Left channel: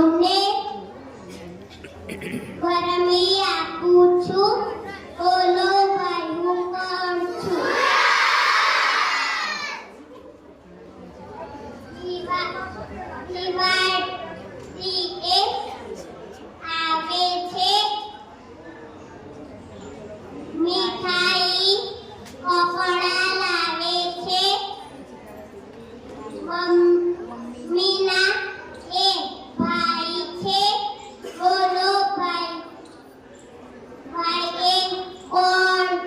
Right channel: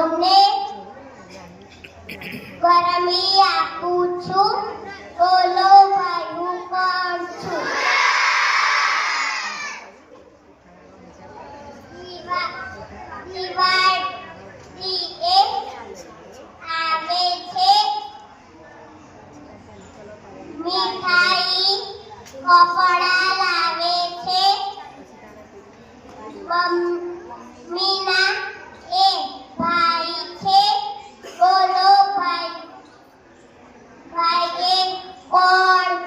સૌને ગરમી આપું છું બોલો ભાઈ હું કોણ છું દિવા- દિવાળી એક આવે છે મીઠાઈ કપડા લાવે છે મમ્મી Hi.